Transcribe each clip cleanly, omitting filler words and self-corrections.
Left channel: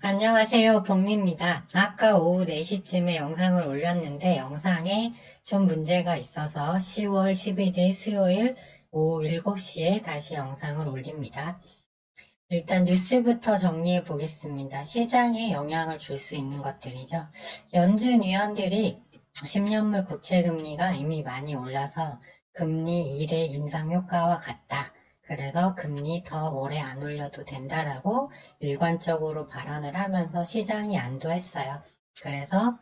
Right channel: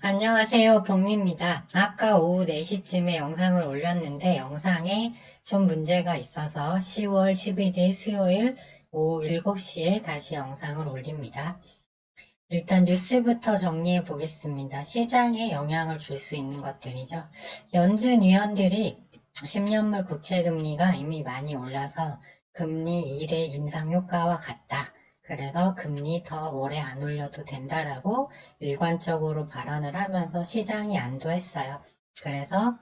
안녕하세요, 복리입니다. 아까 오후 4시쯤에 영상을 올렸는데 영상에 좀 문제가 있어서 10월 11일 수요일 오후 7시에 다시 영상을 올립니다. 일단 뉴스부터 정리해 보겠습니다. 시장에 영향을 줄 수 있는 것들이죠. 연준 위원들이 10년물 국채금리가 이미 많이 올라서 금리 1의 인상 효과와 같다. 그래서 금리 더 오래 안 올려도 된다라고 일관적으로 발언을 하면서 시장이 안도했어요. 그래서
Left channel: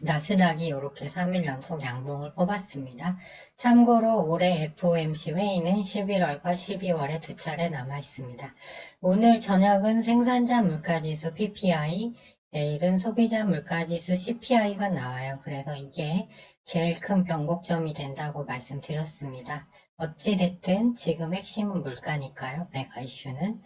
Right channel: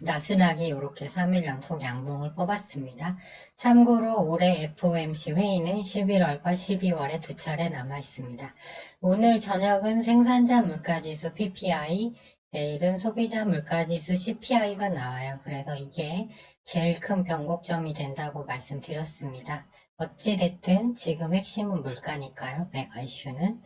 나스닥이 이렇게 3일 연속 양봉을 뽑았습니다. 참고로 올해 FOMC 회의는 11월과 12월에 두 차례 남아 있습니다. 오늘 저녁은 생산자 물가지수 PPI, 내일은 소비자 물가지수 CPI가 나와요. 그래서 이게 제일 큰 변곡점이 된다고 말씀드렸습니다. 어찌됐든 지금 핵심은 물가니까요. 메가 이슈는.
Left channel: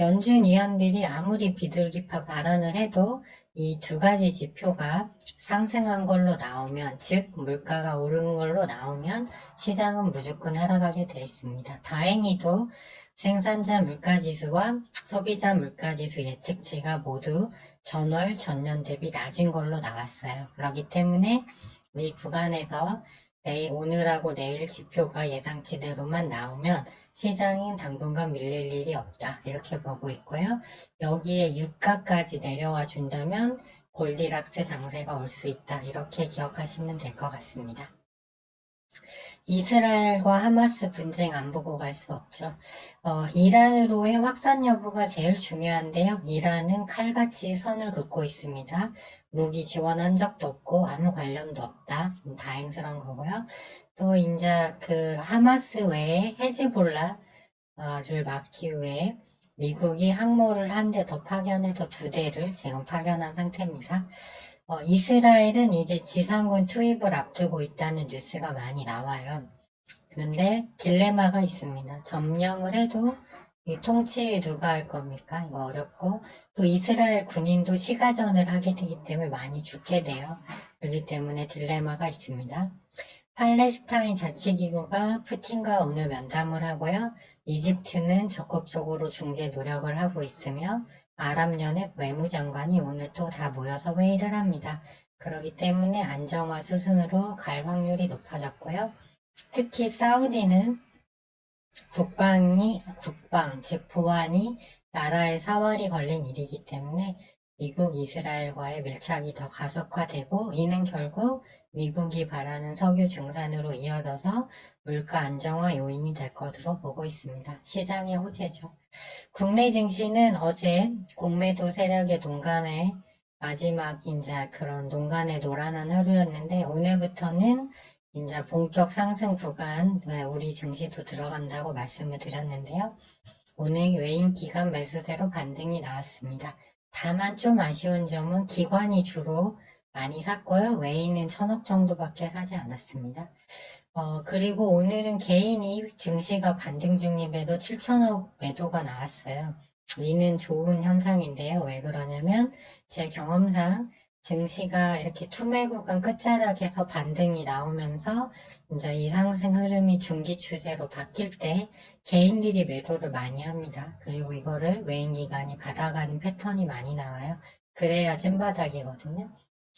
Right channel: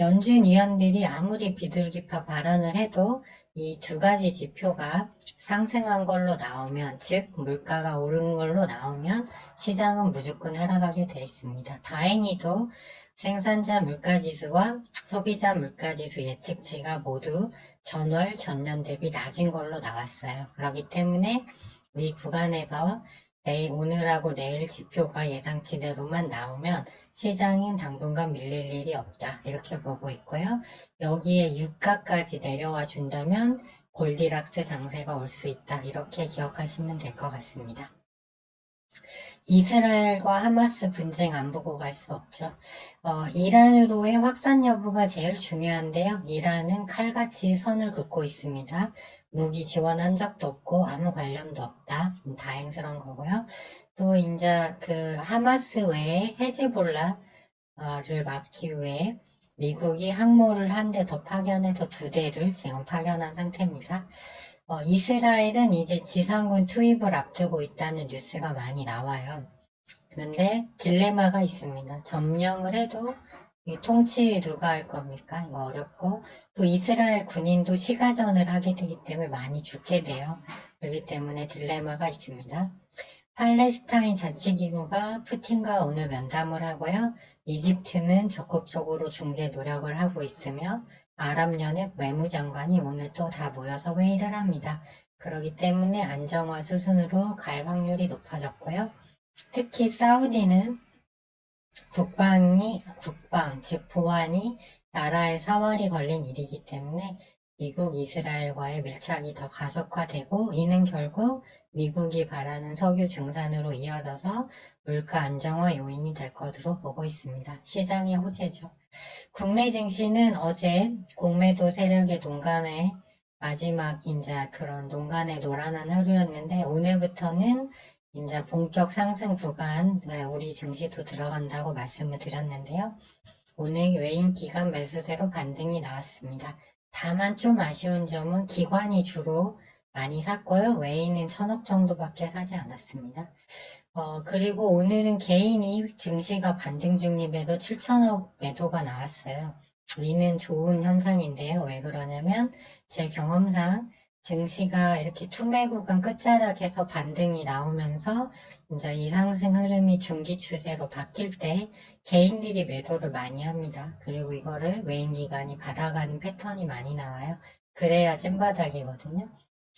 연준 위원들이 아무리 비둘기파 발언을 해도 이 두 가지 지표가 상승한 걸로 나오면, 즉 물가가 오른 걸로 나오면 시장은 무조건 하락하게 되어 있습니다. 다행히도 생산자 물가지수와 소비자 물가지수 예측치가 모두 전월 전년 대비 낮은 걸로 나왔어요. 그렇기 때문에 이 구간에서 오늘하고 내일 지표가 예상치대로만 나오면 시장은 당분간 밀릴 일이 없다. 이렇게 보고 있고요. 여기에 유가까지 내려와 준다면 골디락스 장세가 올 수 있다. 이렇게 기억하시면 될 것 같습니다. 이스라엘과 하마스 분쟁 안 보고 갈 수 없죠. 이란으로의 확산 여부가 제일 중요한데요. 이란은 칼같이 선을 긋고 있습니다. 무기 지원한 적도 없고 아무 관련도 없다. 다행스러운 거고요. 또 이제 그 하마스 외에 헤즈볼라를 막기 위해 미국이 항모를 한 대 더 파견해서 두 대를 지금 파견한 상태입니다. 이스라엘은 이제 지상군 투입을 앞두고 있다는 뉴스가 많이 나와요. 그런데 딜레마가 있습니다. 점령을 해도 이 통치 누가 할 겁니까? 이거 어렵고, 또 이스라엘 군인도 시가전을 하게 되기 때문에 많이 죽게 돼요. 그렇기 때문에 딜레마가 있습니다. 팔레스타인 자치기구가 푸틴과 오늘 면담을 하고요. 이집트는 적극적으로 중재 노력을 하고 있으며 아랍연합 외무장관이 오늘 또 다 모여서 회의를 합니다. 그렇기 때문에 안정화 수순으로 갈 확률이 높아졌고요. 특히 사우디는 즉 보안이 나라의 사활이 걸린 일이기 때문에 미국, 이스라엘과의 밀착이 더 가속화되고 이는 결국 미국이 바라는 석유 증산으로 이어져서 물가 안정화 요인이 될 것으로 보고 있습니다. 시장의 호재죠. 국내 증시는 어제 공매도 세력의 농간의 마지막 이제 그런 농간의 노란한 하루였는데 오늘부터는 이제 본격 상승 구간 우리 증시도 들어간다고 말씀을 드렸는데요. 오늘 외인 기관 매수세로 반등이 나왔습니다. 다만 좀 아쉬운 점은 기관이 주로 많이 샀고요. 외인은 1,000억 정도밖에 사지 않았습니다. 그리고 오늘은 개인이 증시가 반등 중임에도 7천억 매도가 나왔어요. 이는 좋은 현상인데요. 왜 그러냐면 제 경험상 증시가 이렇게 투매 구간 끝자락에서 반등이 나오면서 이제 이 상승 흐름이 중기 추세로 바뀔 때 개인들이 매도를 많이 합니다. 그리고 이거를 외인 기관이 받아가는 패턴이 많이 나와요. 그래야 찐바닥이거든요.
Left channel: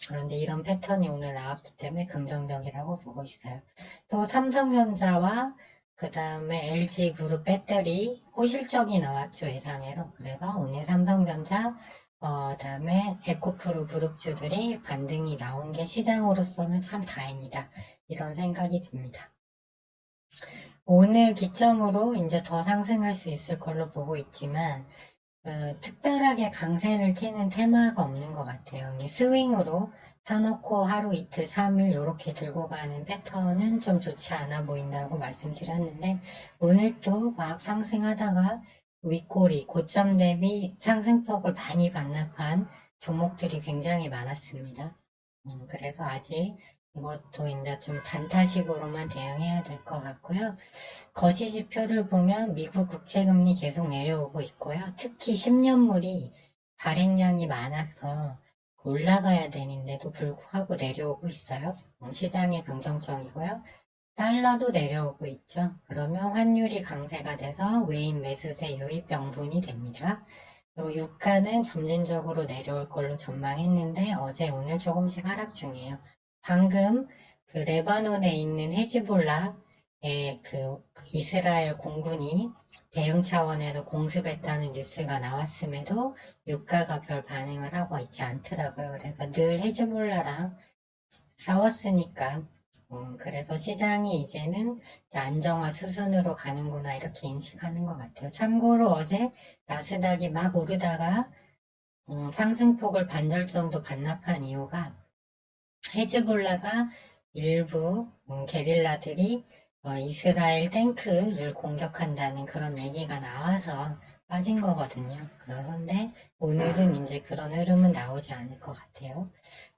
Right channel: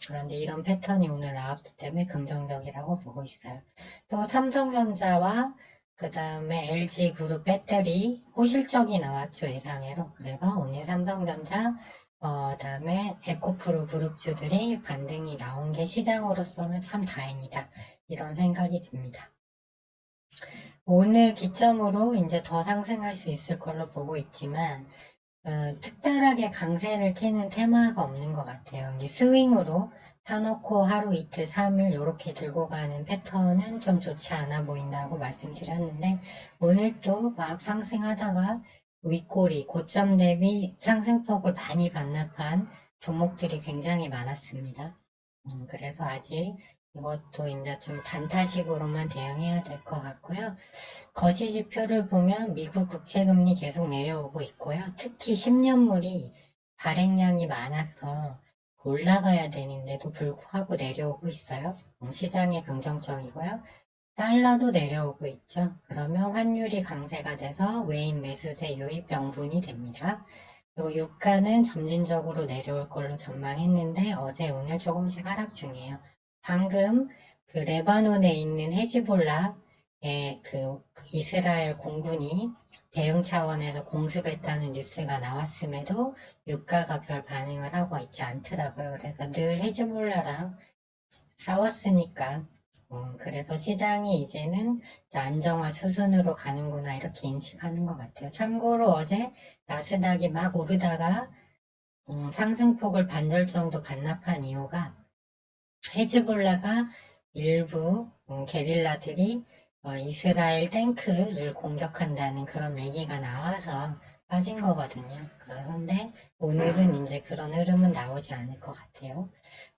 그런데 이런 패턴이 오늘 나왔기 때문에 긍정적이라고 보고 있어요. 또 삼성전자와 그 다음에 LG그룹 배터리 호실적이 나왔죠, 예상외로. 그래서 오늘 삼성전자, 다음에 에코프로 그룹주들이 반등이 나온 게 시장으로서는 참 다행이다. 이런 생각이 듭니다. 오늘 기점으로 이제 더 상승할 수 있을 걸로 보고 있지만, 특별하게 강세를 띠는 테마가 없는 것 같아요. 이게 스윙으로 사놓고 하루 이틀 3일 이렇게 들고 가는 패턴은 좀 좋지 않아 보인다고 말씀드렸는데 오늘 또 막 상승하다가 윗꼬리 고점 대비 상승폭을 많이 반납한 종목들이 굉장히 많았습니다. 그래서 아직 이것도 이제 좀 단타식으로만 대응해야 될 것 같고요. 거시 지표를 보면 미국 국채금리 계속 내려오고 있고요. 특히 10년물이 발행량이 많아서 올라가야 되는데도 불구하고 내려오고 있어요. 시장이 긍정적이고요. 달러도 내려오고 있죠. 그러면 환율이 강세가 돼서 외인 매수세 유입 명분이 됩니다. 그리고 유가는 점진적으로 내려올 걸로 전망했는데 어제 오늘 조금씩 하락 중이에요. 방금 그 레바논에 있는 헤즈볼라의 그 이스라엘 공군이 대응 차원에서 공습했다는 뉴스가 나왔음에도 유가가 별 반응을 하고 있지 않더라고요. 그래서 늘 헤즈볼라랑 싸웠으니까 그래서 시장이 이제는 안정화 수순으로 가는구나 이렇게 인식하는 것 같아요. 참고로 어제 나스닥이 막 오르다가 상승폭을 반절 정도 반납한 이유가 헤즈볼라가 일부 게릴라들이 이스라엘 탱크를 공격한다는 그런 얘기가 나와서 빠진 거거든요. 그런데 오늘은 이제 그런 흐름은 나오지 않을 것 같아요.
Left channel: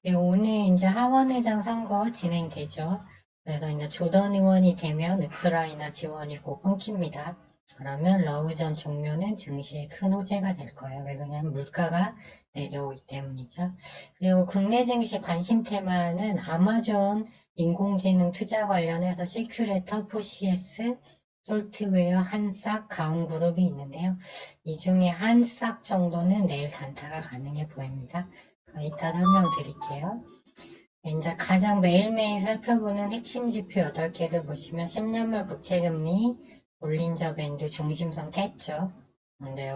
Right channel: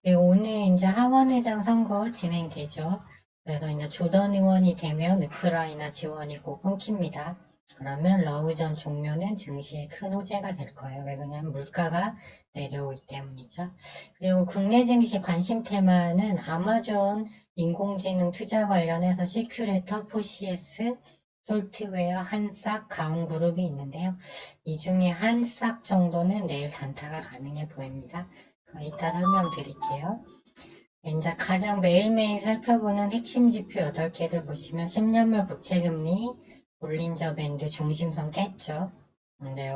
그리고 오늘 이제 하원의장 선거 진행되죠. 그래서 이제 조던 의원이 되면 우크라이나 지원이 꼭 끊깁니다. 그러면 러우 전 종료는 증시에 큰 호재가 될 거예요. 왜 그러냐면 물가가 내려오기 때문이죠. 그리고 국내 증시 관심 테마는 아마존 인공지능 투자 관련해서 시큐레터, 포시에스, 솔트웨어, 한싹, 가온그룹이 있는데요. 이 중에 한싹 정도는 내일 단타가 가능해 보입니다. 이따 설명드릴게요. 이제 가장 매일매일 살펴보는 핵심 지표 8개를 보시면 10년물 국채금리, 볼린저 밴드 중심선 깼죠. 근데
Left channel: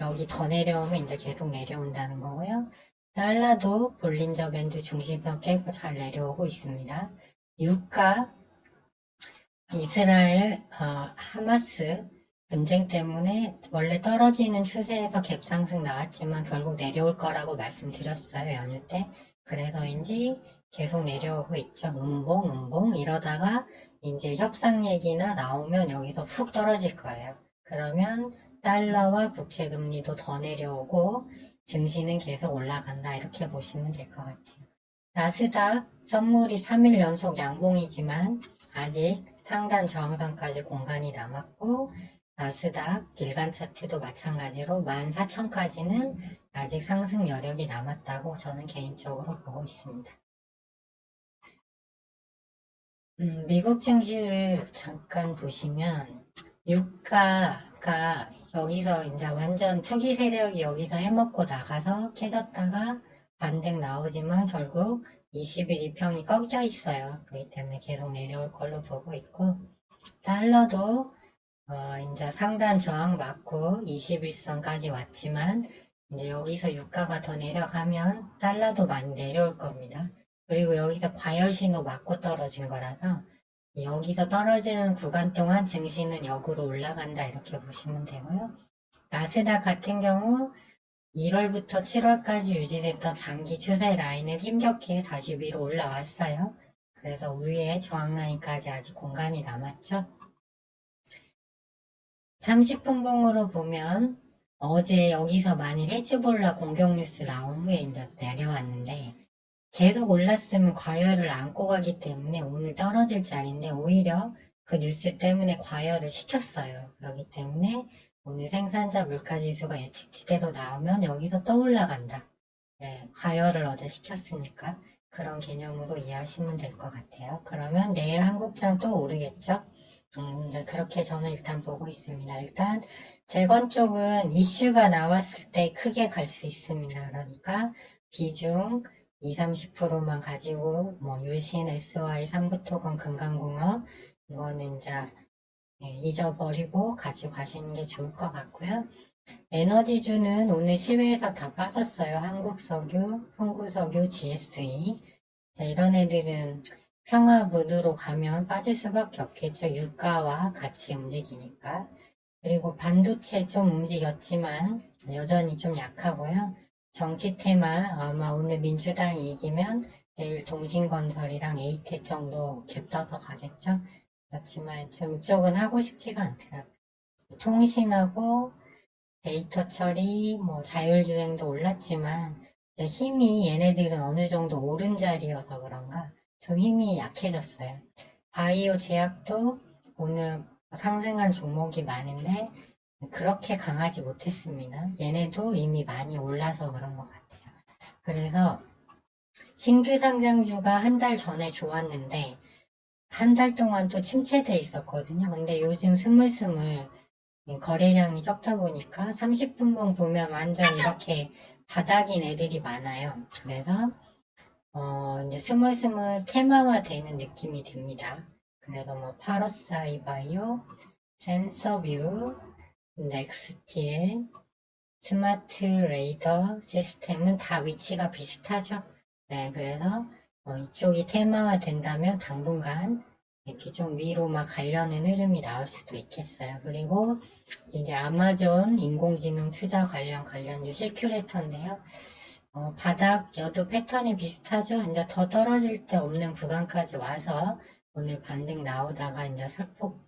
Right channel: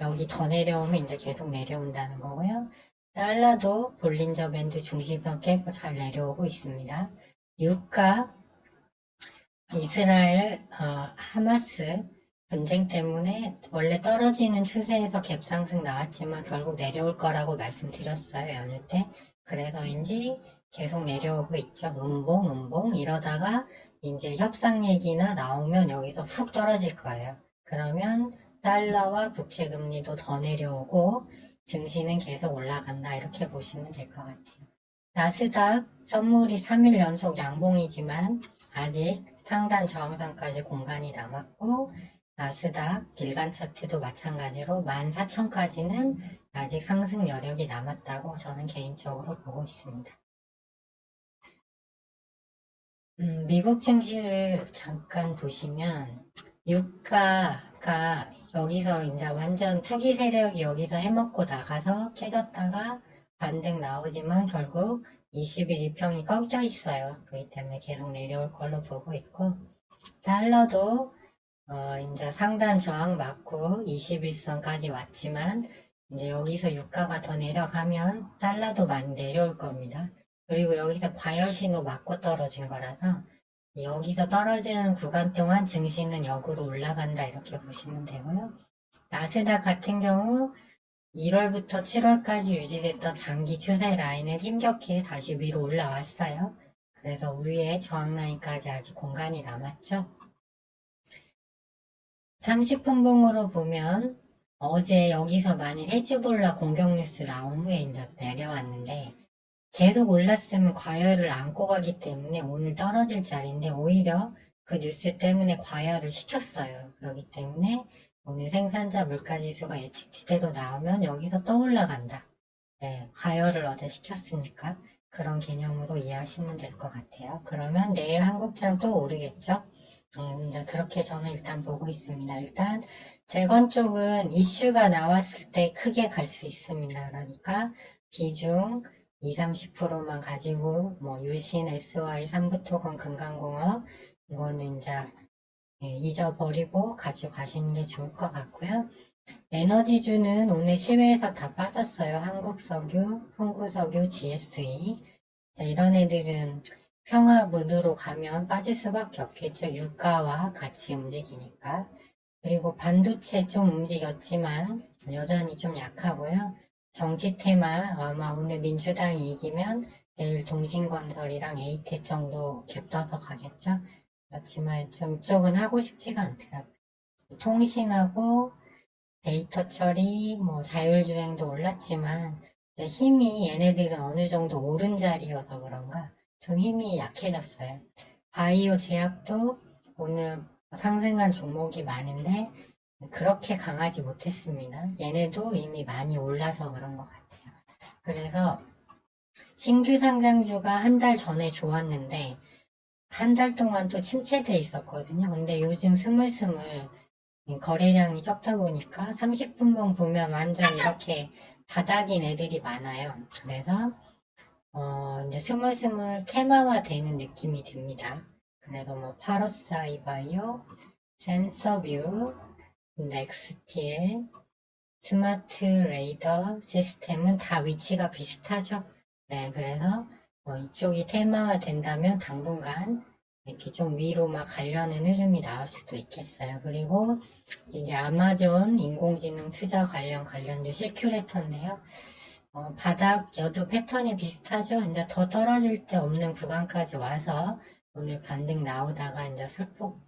여기 더 내려오면 이제 계속 내려온다는 거고요. 달러도 볼린저 밴드 중심선 깨고 잘 내려오고 있습니다. 유가, 이스라엘, 하마스 분쟁 때문에 원래 떨어지는 추세에서 갭상승 나왔지만 결국 내려올 거라고 말씀드렸어요, 연휴 때. 그래서인지 계속 내려오고 있죠. 음봉 이러다가 이제 협상 얘기나 나오면 여기서 훅 떨어질 거예요. 그러면 달러와 국채금리도 더 내려오고 증시는 계속 올라간다 이렇게 보시면 될 것 같아요. 나스닥 선물이 3일 연속 양봉이지만 아직 상단 저항선까지 공간이 남았고 나스닥 일간 차트도 마찬가지로 14,000까지는 아직 상승 여력이 남았다고 저는 개인적으로 보고 있습니다. 미국 증시를 잠깐 보시면 유가가 여기서 이제 완전 투기 세력이 여기서 해먹고 나가서 캐졌다가 반등 나오지만 결국 20일 이평이 꺾여 있어요. 그렇기 때문에 계속 내려올 걸로 보고 있고 달러도 이제 상단 저항 맞고 21선까지 왔지만 이제 여기서 유가가 더 내려가면 달러도 많이 내려올 겁니다. 그리고 여기서 과열 신호 맞고 떨어진 거라서 여기서 떨어지는 구간 동안 증시는 역으로 올라간다 이렇게 보시면 되고요. 나스닥 같은 경우 1월부터 7월까지 유지됐던 장기 추세 라인을 힘겹게 다시 위로 올라왔어요. 그래서 위에 저항 라인까지 아직 공간이 남았죠. 30분봉으로 보면 어제 여기서 만일 헤즈볼라 공격 뉴스 나온 후에 이제 내려왔는데 계속 올랐으면 과열을 안고 가기 때문에 오늘 떨어질 자리인데 오히려 그 뉴스 때문에 과열을 시켰어요. 그렇기 때문에 오늘 생산자 물가지수가 예측치대로 나오면 여기서 또 올라간다. 네, 과열을 어제 시켰으니까 그런 개념으로 이해하시면 될 것 같아요. 그러면 내일 한국장 또 오르겠죠? 이제 그렇게 저는 일단 보고 있습니다. 일단 재건 쪽은 이슈가 나왔을 때 크게 갈 수 있습니다. 그러니까 비중 20-30%만 가지고 뭐 유신, SY, 삼부토건, 금강공업 이거는 이제 잊어버리고 가지고 가시는 게 좋을 것 같고요. 에너지주는 오늘 시외에서 다 빠졌어요. 한국석유, 홍구석유, GSE 이런 애들은 평화 무드로 가면 빠질 수밖에 없겠죠. 유가와 같이 움직이니까. 그리고 반도체 좀 움직였지만 여전히 좀 약하고요. 정치 테마 아마 오늘 민주당이 이기면 내일 동신건설이랑 에이텍 정도 겹쳐서 가겠죠. 그렇지만 좀 이쪽은 하고 싶지가 않더라고요. 통신하고 데이터 처리, 뭐 자율주행도 올랐지만 힘이 얘네들은 어느 정도 오른 자리여서 그런가 좀 힘이 약해졌어요. 바이오 제약도 오늘 상승한 종목이 많은데 그렇게 강하지 못했습니다. 얘네도 이미 많이 올라서 그런 것 같아요. 그래서 신규 상장주가 한 달 전에 좋았는데 한 달 동안 또 침체돼 있었거든요. 근데 요즘 스물스물 거래량이 적다 보니까 30분봉 보면 완전 이렇게 바닥인 애들이 많아요. 그래서 이제 스물스물 테마화 되는 느낌이 듭니다. 그래서 뭐 파러사이 바이오, 센서뷰, 넥스틸, 스마트 레이더 시스템은 다 위치가 비슷하죠. 네, 그래서 이쪽이 테마화 된다면 당분간 이렇게 좀 위로 막 가려는 흐름이 나올 수도 있겠어요. 그리고 이제 아마존 인공지능 투자 관련주 시큐레터인데요. 바닥 여도 패턴이 비슷하죠. 이제 더 떨어질 때 없는 구간까지 와서 오늘 반등 나오다가 이제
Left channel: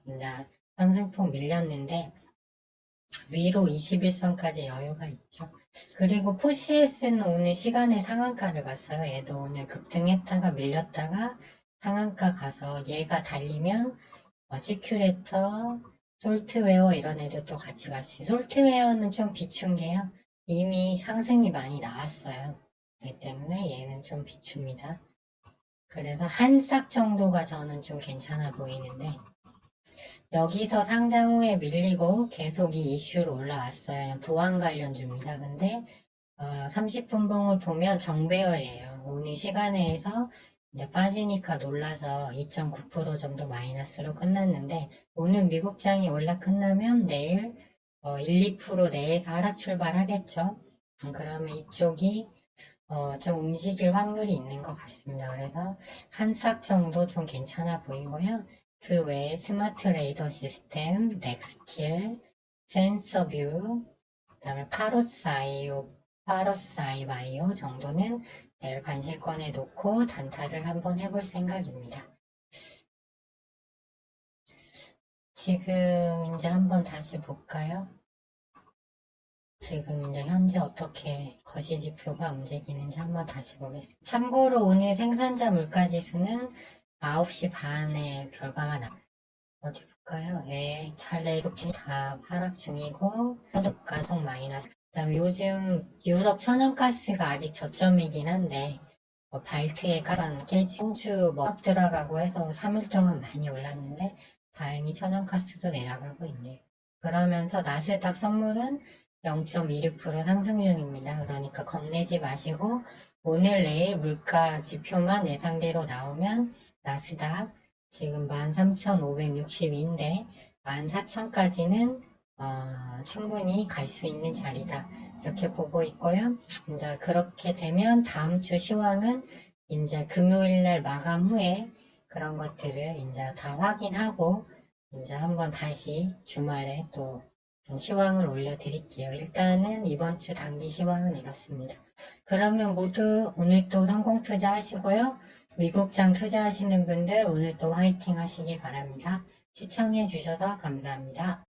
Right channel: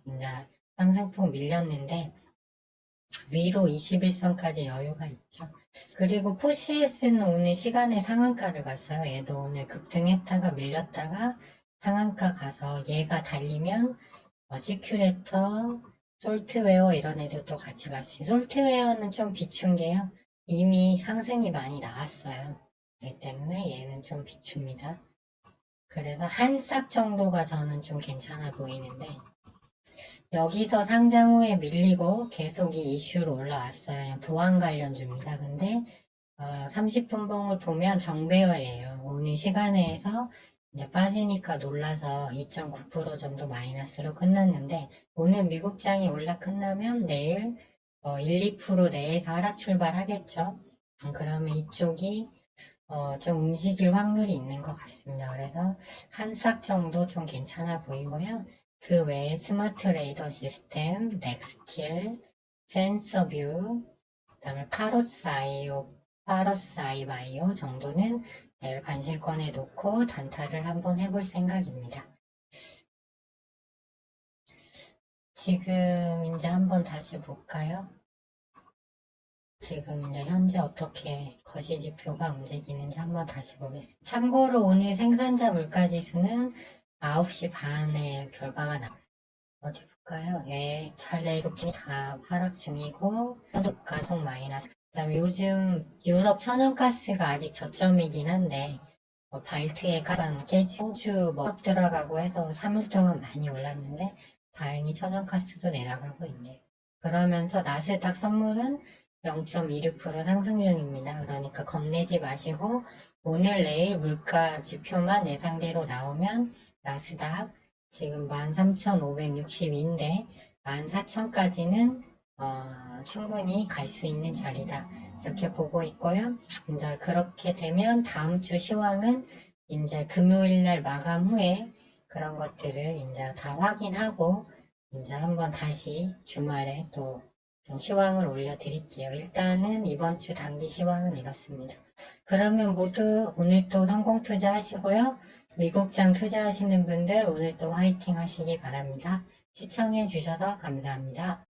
이제 상승폭 밀렸는데 위로 21선까지 여유가 있죠. 그리고 포시에스는 오늘 시간에 상한가를 갔어요. 얘도 오늘 급등했다가 밀렸다가 상한가 가서 얘가 달리면 시큐레이터, 솔트웨어 이런 애들도 같이 갈 수 있어요. 솔트웨어는 좀 비춘 게요. 이미 상승이 많이 나왔어요. 그렇기 때문에 얘는 좀 비춥니다. 그래서 한 싹 정도가 저는 좀 괜찮아 보이는데 여기서 상장 후에 밀리고 계속 이 이슈로 올라왔어요. 보안 관련주입니다. 근데 30분봉을 보면 정배열이에요. 오늘 시간에서 이제 빠지니까 놀라서 2.9% 정도 마이너스로 끝났는데 오늘 미국장이 올라 끝나면 내일 1, 2% 내에서 하락 출발하겠죠. 그러면 이쪽이 좀 움직일 확률이 있는 것 같습니다. 그래서 한 싹 정도 좀 괜찮아 보이고요. 그 외에 스마트 레이더 시스템, 넥스틸, 센서뷰, 그 다음에 파로사이 바이오 정도는 내일 관심권에 놓고 단타를 한번 해볼 생각입니다. 지금 이제 한번 다시 볼까요? 지금 이제 현재 어떻게 거시지표가 움직이는지 한번 다시 보겠습니다. 참고로 오늘 생산자 물가지수는 9시 반에 결과가 어디 볼까요? 예, 차례 국진이 다 하락 중이고 소득가 속 마이너스. 그다음에 요즘 유럽 천연가스가 아직 저점이긴 한데 발트의 가장 깨지 홍주 뭐 들어가고 해서 3일 동안 많이 올랐는데 다행히 천연가스도 내려가고 있네요. 그러면서 나스닥 선물은 0.26% 상승 중입니다. 그러니까 겁내지 마시고 오늘 내일 물가 지표만 예상대로 나오면 나스닥 지금 13,562인데 14,000까지는 충분히 갈 수 있는 자리다. 이렇게 보고 있고요. 이제 그렇게 되면 다음 주 시황은 이제 금요일 날 마감 후에 그런 것들을 이제 다 확인하고 이제 한번 다시 주말에 또 시황을 올려드릴게요. 일단은 이번 주 단기 시황은 이렇습니다. 그러면 모두 오늘 또 성공 투자하시고요. 미국장 투자하시는 분들 오늘 또 화이팅 하시기 바랍니다. 시청해 주셔서 감사합니다.